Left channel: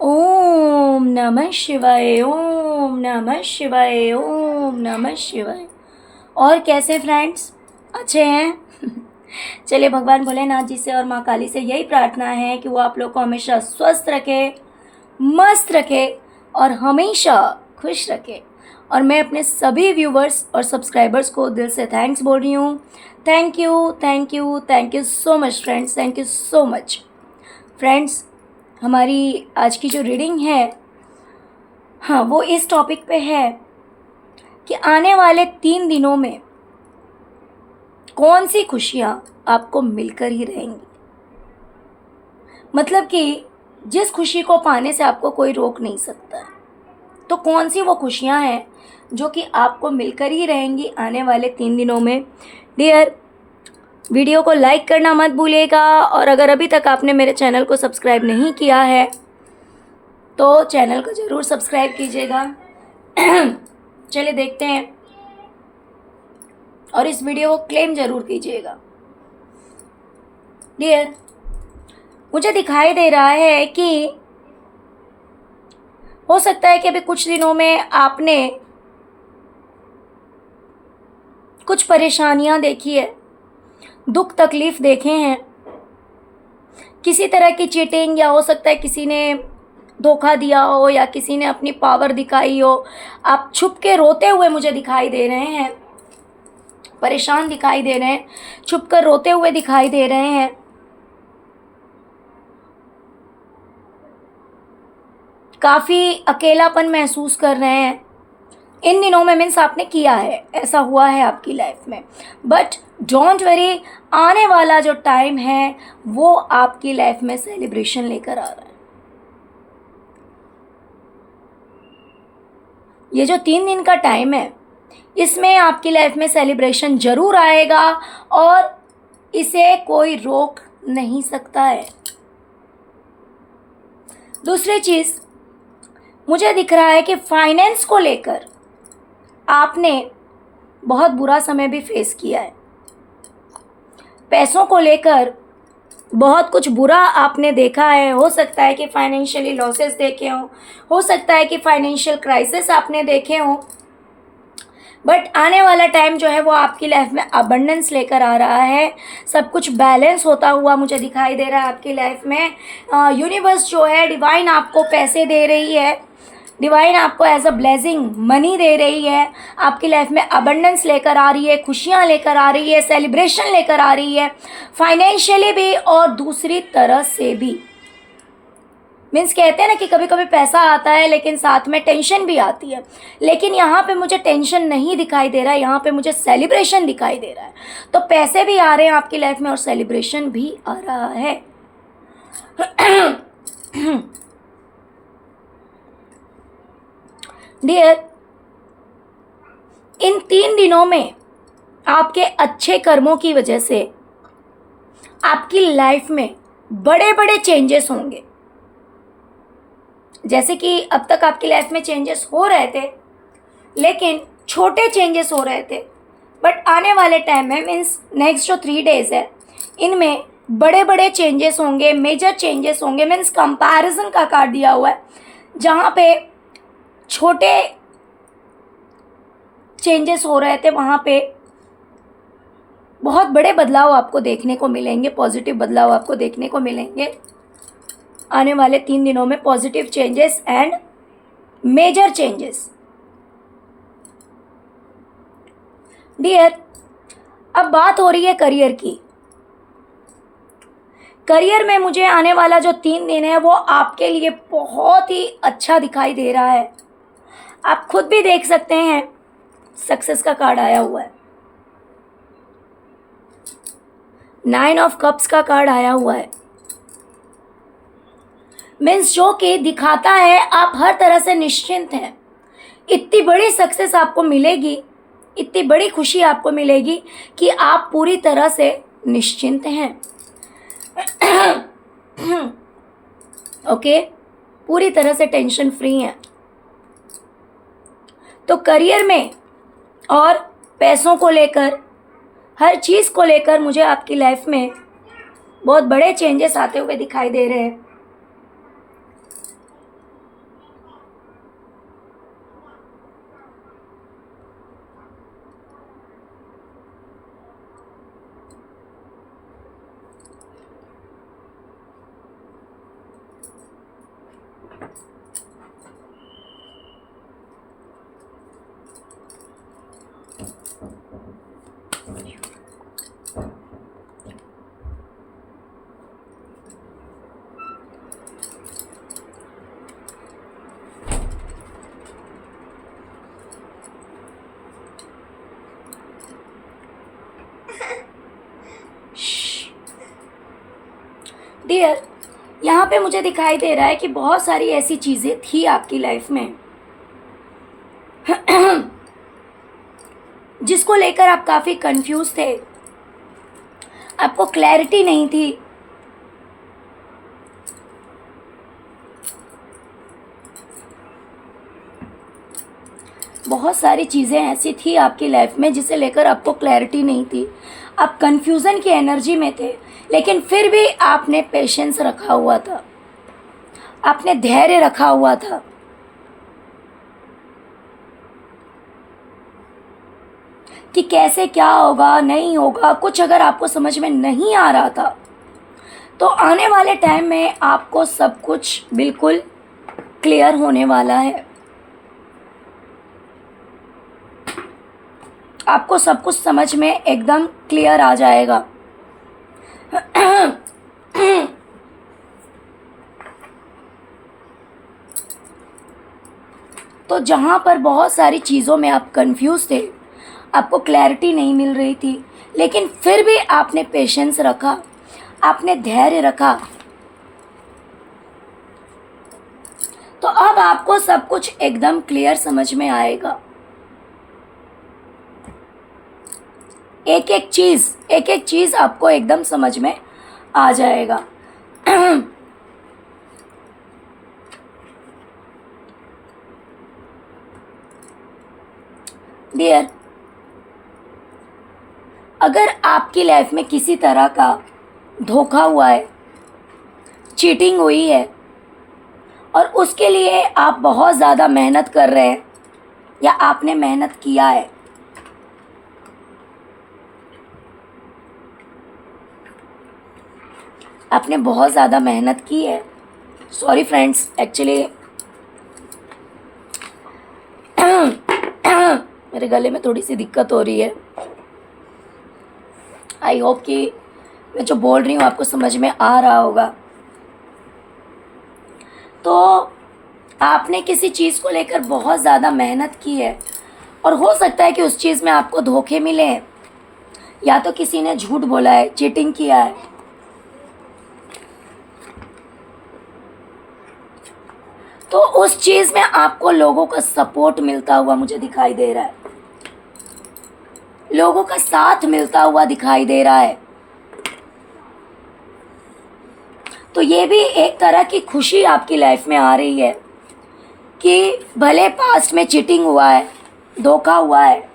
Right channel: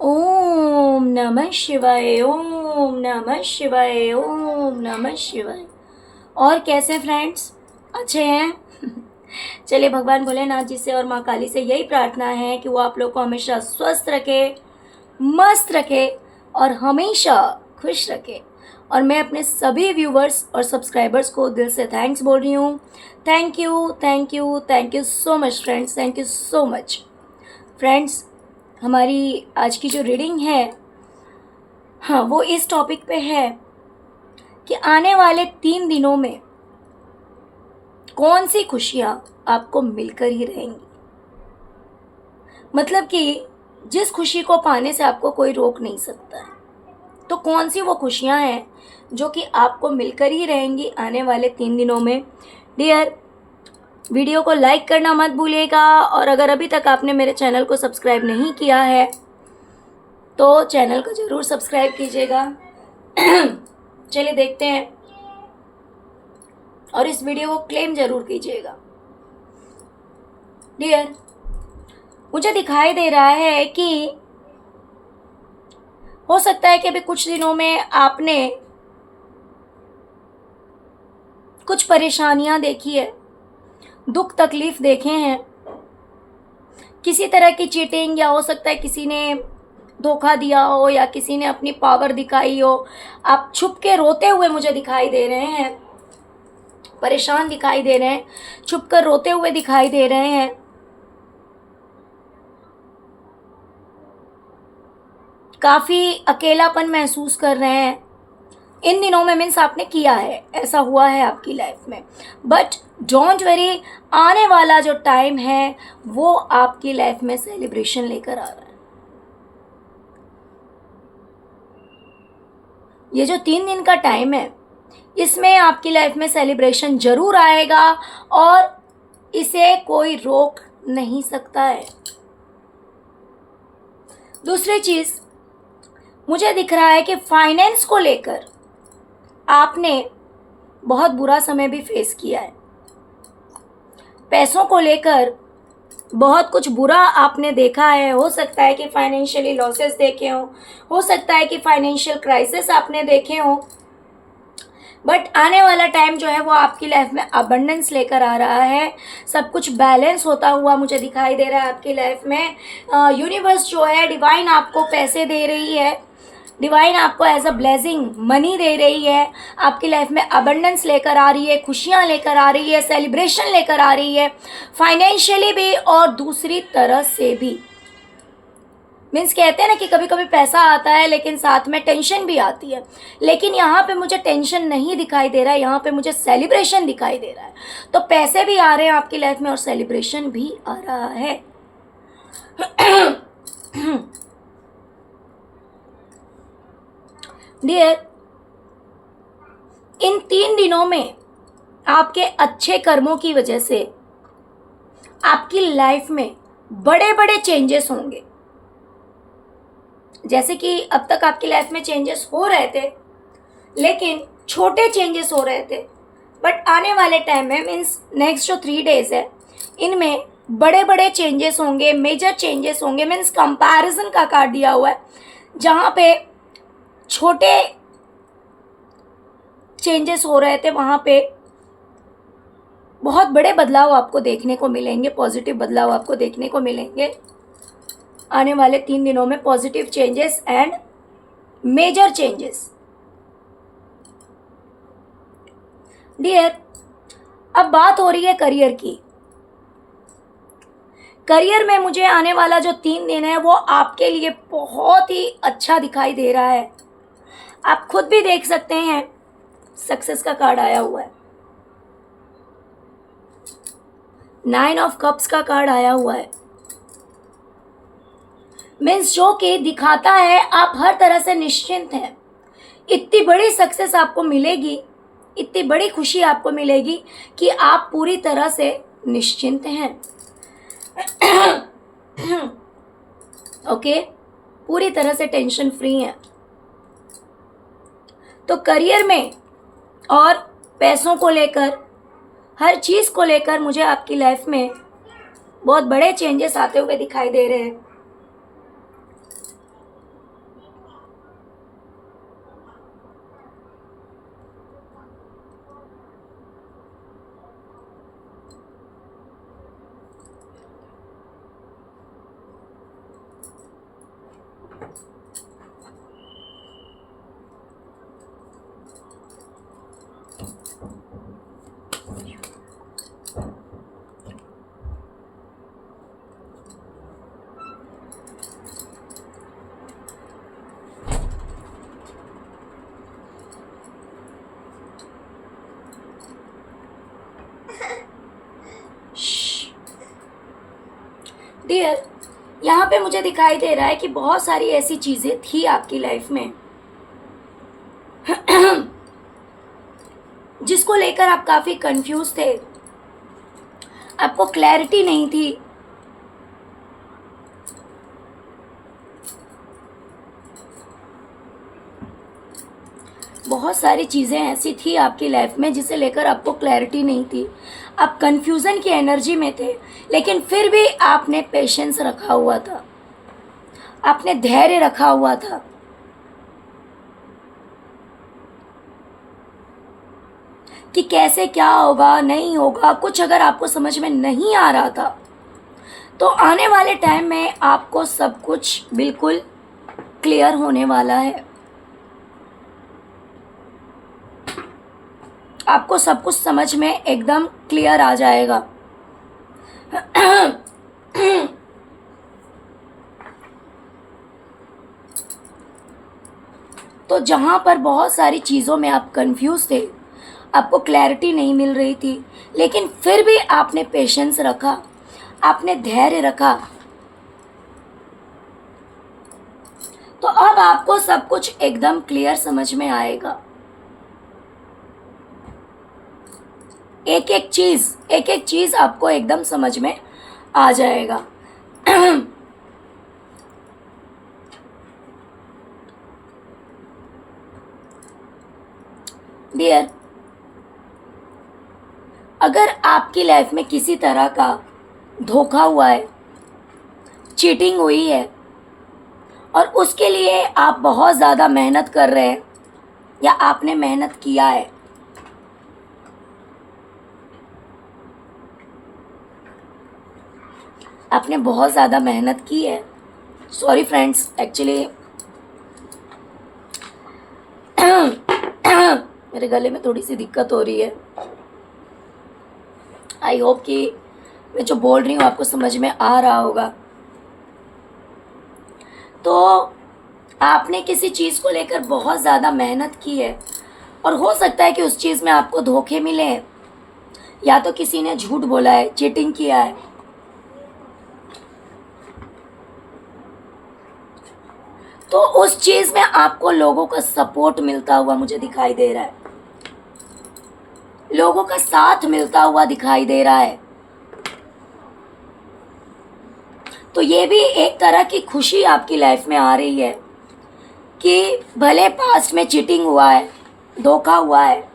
ओम नमः शिवाय, ओम नमः शिवाय, ओम नमः शिवाय। और कैसे फ्रेंड्स, अच्छे हैं? चलिए, भगवान भोलेनाथ जी से और माँ काली से यही प्रार्थना है कि वो आप लोग को हमेशा स्वस्थ रखे, मस्त रखे और हमेशा खुश रखे। और मैं अपने सभी व्यूवर्स और सब्सक्राइबर्स को दिल से थैंक्स बोल रही हूँ। Thank you, thank you, thank you so much friends, thank you so much friends. हमारी आज की जो रीडिंग है, हाँ, वो इस टॉपिक पे है कि आने वाले 3 दिनों में कौन सी खुशियाँ आपको मिलकर ही रहेंगी। मतलब कि जिस खुशी को पाने से आपको कोई रोक नहीं सकता है, तो कौन सी वो खुशियाँ हैं जो कि आपको मिलकर ही रहेंगी आने वाले 3 दिनों में। डियर, वीडियो को लाइक करना मत भूलिएगा, और अगर अभी तक आपने मेरे चैनल को सब्सक्राइब नहीं किया है तो चैनल को ज़रूर सब्सक्राइब कीजिएगा। चलिए देखते हैं, और इस वीडियो को क्लेम ज़रूर कीजिएगा। डियर, मुझे दिखाई दे रहा है कि हो सकता है कि अभी कुछ दिनों में आपने कुछ परेशानियां देखी है, दुख तकलीफ देखे हैं, किसी तरह की चीटिंग, या हो सकता है किसी ने धोखा दिया हो या किसी ने अपनी पावर दिखाई हो। आप छुप के रोते हुए मुझे दिखाई दे रहे हैं, परेशान दिखाई दे रहे हैं, छुप कर रोते हुए दिखाई दे रहे हैं। काफ़ी अकेलापन महसूस कर रहे हैं इन दिनों में। मीन्स आपने किया है, ऐसा हुआ है आपकी लाइफ में। बट डोंट वरी, आने वाला जो टाइम है वो आपकी लाइफ में सेलिब्रेशन लेकर आ रहा है। ये जो 3 दिन का टाइम है, इसमें आपकी लाइफ में सेलिब्रेशन जरूर आएगा, और इसे कोई रोक नहीं सकता है। दूसरी चीज़, मुझे दिख रहा है कि फाइनेंस को लेकर आपने बहुत बुरा समय भी फेस किया है। पैसों को लेकर बहुत कुछ बुरा आपने देखा है। हो सकता है कि फाइनेंशियली लॉसेस देखे हो सकता है कि फाइनेंशियल क्राइसिस आपने देखे हो। बट आने वाला टाइम जो है वो आपकी लाइफ में अबंडेंस लेकर आ रहा है। सब कुछ बैलेंस होता हुआ मुझे दिखाई दे रहा है आपकी लाइफ में। यूनिवर्स जो है, डिवाइन आपको पैसे दे रही है, डिवाइन आपको एज अ ब्लेसिंग मनी दे रही है, आपकी लाइफ में अबंडेंस लेकर आ रही है, खुशियाँ लेकर आ रही है, सेलिब्रेशन लेकर आ रही है, फाइनेंशियली भी और दूसरी तरह से भी। मीन्स कहते हैं ना कि कभी कभी पैसा आता है लेकिन साथ में टेंशन भी आती है, लेकिन यहाँ पे मुझे टेंशन नहीं दिखाई दे रहा है, यहाँ पे मुझे सेलिब्रेशन दिखाई दे रहा है। तो पैसे भी आ रहे हैं आपकी लाइफ में और सेलिब्रेशन भी आ रहा है। डियर, इन 3 दिनों में आपके अच्छे कर्मों की वजह से आपकी लाइफ में बड़े बड़े चेंजेस होंगे। जैसे कि अब तक आपकी लाइफ में चेंजेस हो रहे थे, लेकिन छोटे चेंजेस हो रहे थे। बट आने वाले टाइम में, मीन्स नेक्स्ट जो 3 डेज है, इनमें बड़े बड़े चेंजेस होंगे, मेजर चेंजेस होंगे। मीन्स कंपैरिजन का कार्ड दिया हुआ है, जहाँ पे छोटे चेंजेस हो रहे थे वहाँ पे बहुत बड़े बदलाव आपको देखने को मिलेंगे, पॉजिटिव बदलाव आपको देखने को मिलेंगे आने वाले 3 दिनों में। Positive changes and major changes. Dear, अब बात हो रही है करियर की। करियर में मुझे आने वाला जो 3 दिन है वो आपके लिए बहुत ही अच्छा दिखाई दे रहा है। आप खुद भी देख सकते हैं, सक्सेस का कार्ड आया हुआ है, 9 ऑफ कप्स का कार्ड आया हुआ है। मीन्स जो कि दिखाता है आप हर तरह से निश्चिंत हैं। इतनी बड़ी सक्सेस आपको मिलेगी, इतनी बड़ी खुशी आपको मिलेगी कि आप पूरी तरह से निश्चिंत हैं। ओके, पूरी तरह से टेंशन फ्री हैं। तो करियर में और पैसों को लेकर, हर चीज़ को लेकर मुझे आपकी लाइफ में बहुत बड़े चेंजेस आते हुए दिखाई दे रहे हैं। डियर, यहाँ पे मुझे दिखाई दे रहा है कि बहुत सारी ऐसी चीज़ें थी आपकी लाइफ में जिसको लेकर आप काफ़ी कंफ्यूज थे, आपको क्लैरिटी नहीं थी। बहुत सारी चीज़ें ऐसी थी आपकी लाइफ में जिसे लेकर आपको क्लैरिटी नहीं थी, आप कंफ्यूजन की एनर्जी में थे, लेकिन फिर भी आपने पेशेंस रखा हुआ था, आपने धैर्य रखा हुआ था। कि कैसे क्या होगा नहीं होगा, कुछ अगर आपको समझ में नहीं आ रहा था, तो आने वाले टाइम में आपको सब कुछ बिल्कुल क्लियर होने वाला है। आपको सब कुछ समझ में एकदम क्लियर आ जाएगा। तो जहाँ पर बहुत सारी चीज़ों में आप कंफ्यूज थे, आपको क्लैरिटी नहीं मिल रही थी, लेकिन फिर भी आपने पेशेंस रखा, आपने धैर्य रखा, तो अब आपको सब कुछ एकदम क्लियर समझ में आएगा। एक एक चीज़ आपको एकदम समझ में आ जाएगा। डियर, अगर आपकी लाइफ में किसी तरह का धोखा हुआ है, चीटिंग हुई है, और उसके लिए आप बहुत ज़्यादा मेहनत कर रहे हैं या आपने मेहनत किया है, आपने बहुत ज़्यादा मेहनत की है। सॉरी फ्रेंड्स, एक्चुअली मेरे गले में थोड़ी सी दिक्कत हो रही है। आई होप कि मैं जो बोल रही हूँ आपको समझ में आ रहा होगा। तो आपने किसी चीज़ को लेकर बहुत ज़्यादा मेहनत की है, और हो सकता है कि उस चीज़ में आपको धोखे मिले हैं, या तो किसी ने झूठ बोला है, चीटिंग किया है। तो उस चीज़ में आपको लोगों का सपोर्ट मिलता हुआ मुझे दिखाई दे रहा है, लोगों का साथ मिलता हुआ दिखाई दे रहा है। तो ये भी एक तरह की खुशी आपकी लाइफ में आ रही है कि भले पास्ट में चीटिंग हुआ है, धोखा हुआ है,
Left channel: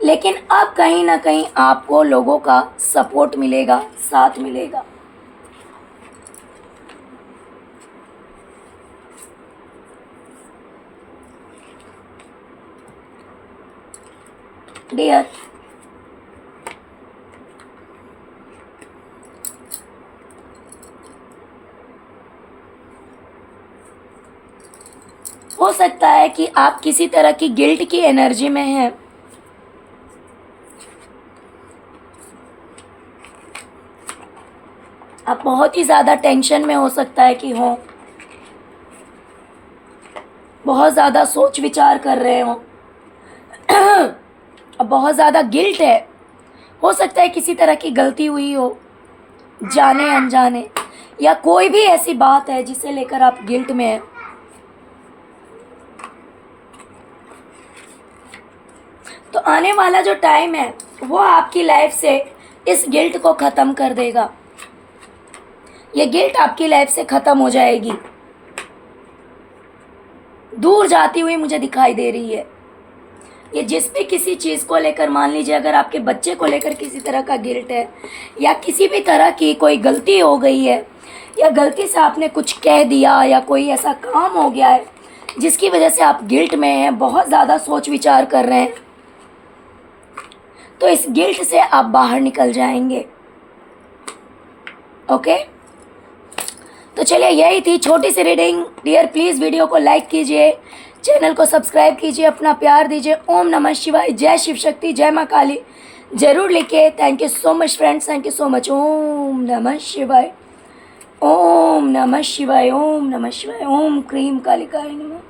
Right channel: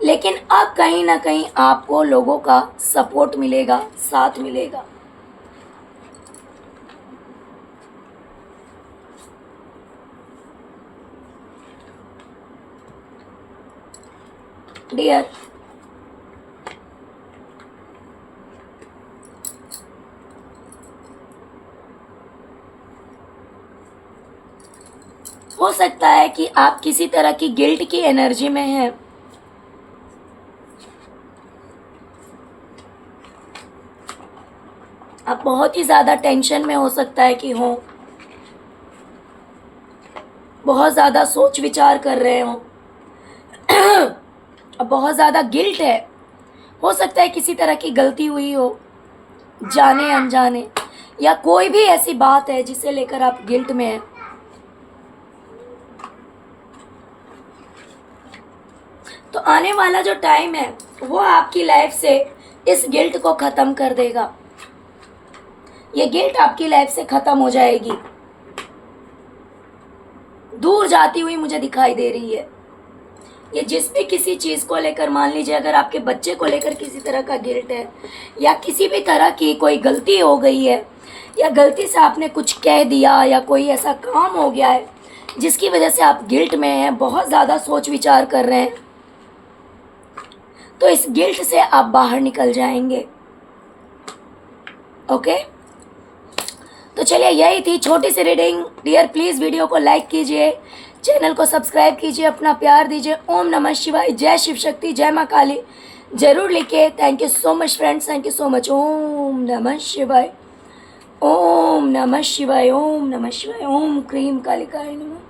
लेकिन अब कहीं ना कहीं आपको लोगों का सपोर्ट मिलेगा, साथ मिलेगा। डियर, हो सकता है कि आप किसी तरह की गिल्ट की एनर्जी में हैं, आप बहुत ही ज़्यादा टेंशन में हो सकता है कि हो, बहुत ज़्यादा सोच विचार कर रहे हो, अब बहुत ज़्यादा गिल्ट है। हो सकता है किसी तरह की गलती हुई हो, जाने अनजाने, या कोई भी ऐसी बात है जिसे लेकर आप गिल्ट में हैं। तो आने वाला जो टाइम है वो आपकी लाइफ से इस गिल्ट को ख़त्म कर देगा। ये गिल्ट आपकी लाइफ से ख़त्म हो जाएगी, दूर जाती हुई मुझे दिखाई दे रही है। ये जिस भी किसी चीज़ को लेकर, मान लीजिए अगर आपके बच्चे को लेकर किसी तरह का गिल्ट है, या किसी भी तरह की कोई गलती हो गई है, या गलती से आपने कुछ कह दिया, या कोई ऐसा काम हो गया है जिसकी वजह से आप गिल्ट में हैं, बहुत ज़्यादा सोच विचार कर रहे हैं, तो इस गिल्ट से आप बाहर निकल जाएंगे। ओके, तो चलिए यही थी छोटी सी रीडिंग। डियर प्लीज़ वीडियो को लाइक कीजिए, चैनल को सब्सक्राइब कीजिए, अपना प्यार दीजिए। ओम नमः शिवाय, जय शिव शक्ति, जय माँ काली जरूर लिखिए। Thank you so much friends, thank you so much. ओम नमः शिवाय, ओम नमः शिवाय, ओम नमः शिवाय, ओम क्रीम कालिकाय नमः।